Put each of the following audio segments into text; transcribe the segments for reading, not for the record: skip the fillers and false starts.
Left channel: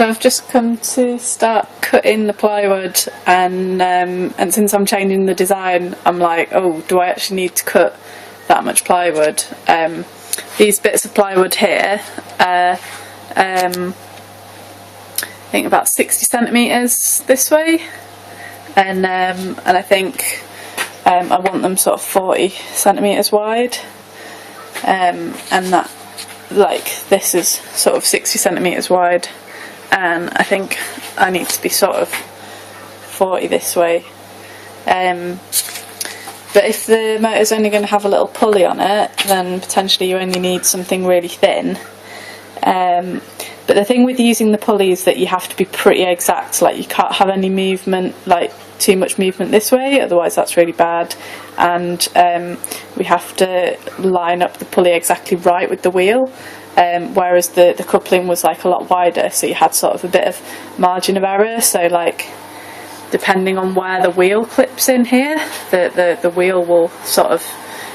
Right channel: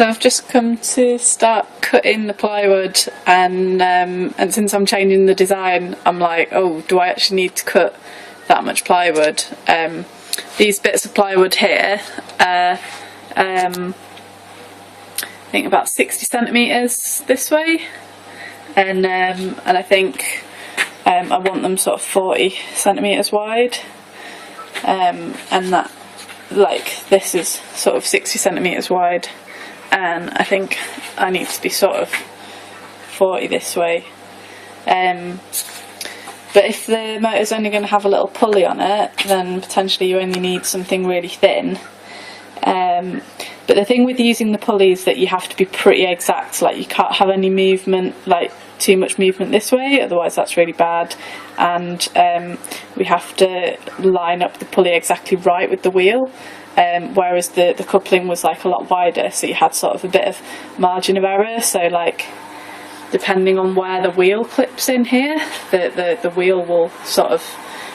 So I've just come to start cutting the plywood, and since I'm changing the design, I'm like, oh, do I actually need to cut that much plywood? These bits of plywood here are I think about 60 centimetres this way, and I think I want them sort of 40 centimetres wide, and that, like, this is sort of 60 centimetres wide, and I think I need to be sort of 40 this way. But if the motor's only going to have a little pulley on it, then potentially you only need something really thin. But the thing with using the pulley is that you have to be pretty exact, like you can't have any movement, like too much movement this way, otherwise that's really bad. And we have to line up the pulley exactly right with the wheel, whereas the coupling was like a lot wider, so you had sort of a bit of margin of error. So like, depending on where the wheel clips in here, the wheel will sort of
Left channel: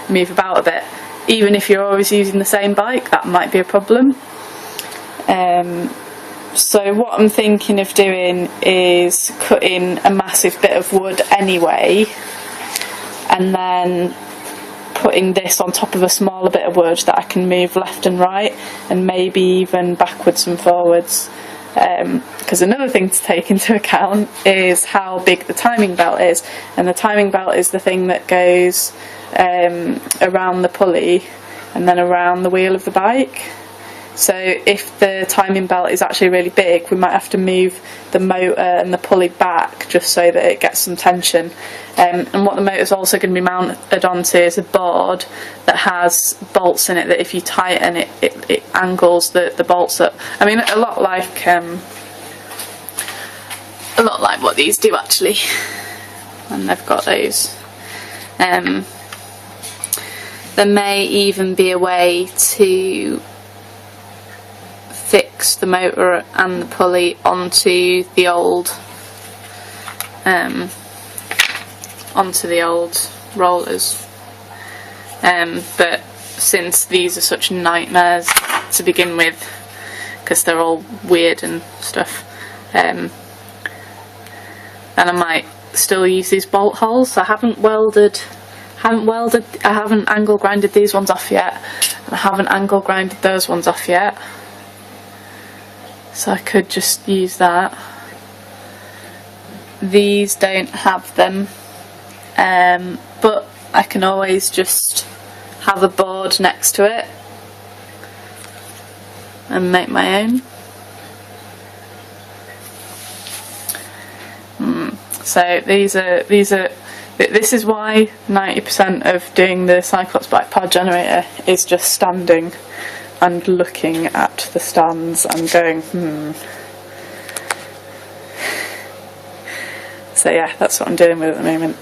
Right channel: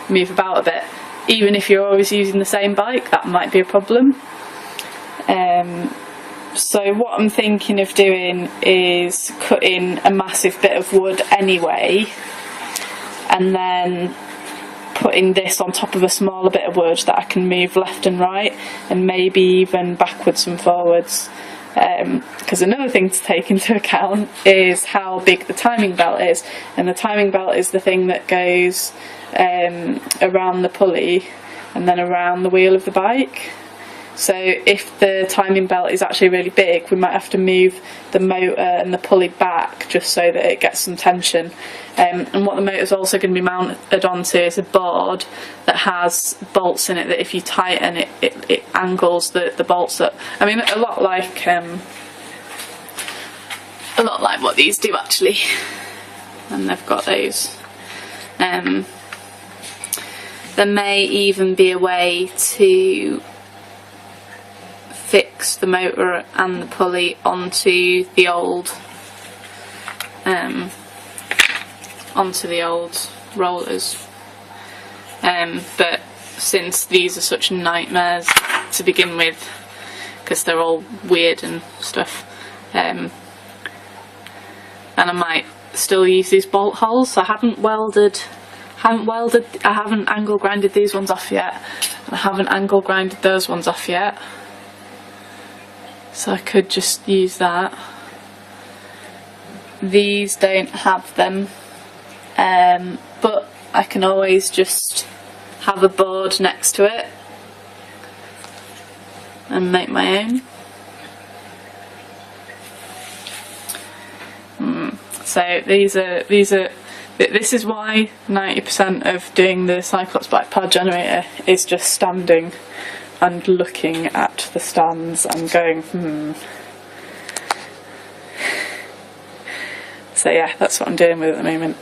move about a bit. Even if you're always using the same bike, that might be a problem. So what I'm thinking of doing is cutting a massive bit of wood anyway, and then putting this on top of a smaller bit of wood that I can move left and right, and maybe even backwards and forwards. Because another thing to take into account is how big the timing belt is, and the timing belt is the thing that goes around the pulley and then around the wheel of the bike. So if the timing belt is actually really big, we might have to move the motor and the pulley back just so that it gets some tension. And what the motor's also going to be mounted onto is a board that has bolts in it that if you tighten it, it angles the bolts up. I mean, a lot like what these do actually. And they've got those. There may even be a way to fix the motor and the pulley onto the old rollers, but since these are such nightmares to begin with because they're all weird and stuff, and I might still use these bolt holes. I haven't angle grinded these ones off yet, and I haven't angle grinded those ones off yet. So I could just use that. These don't have them, but I can always just have a board next to it and make my own. So this is why 90% of doing the Cyclops bike pod generator is just standing and looking at the stands and going, So yeah, that's what I'm dealing with at the moment.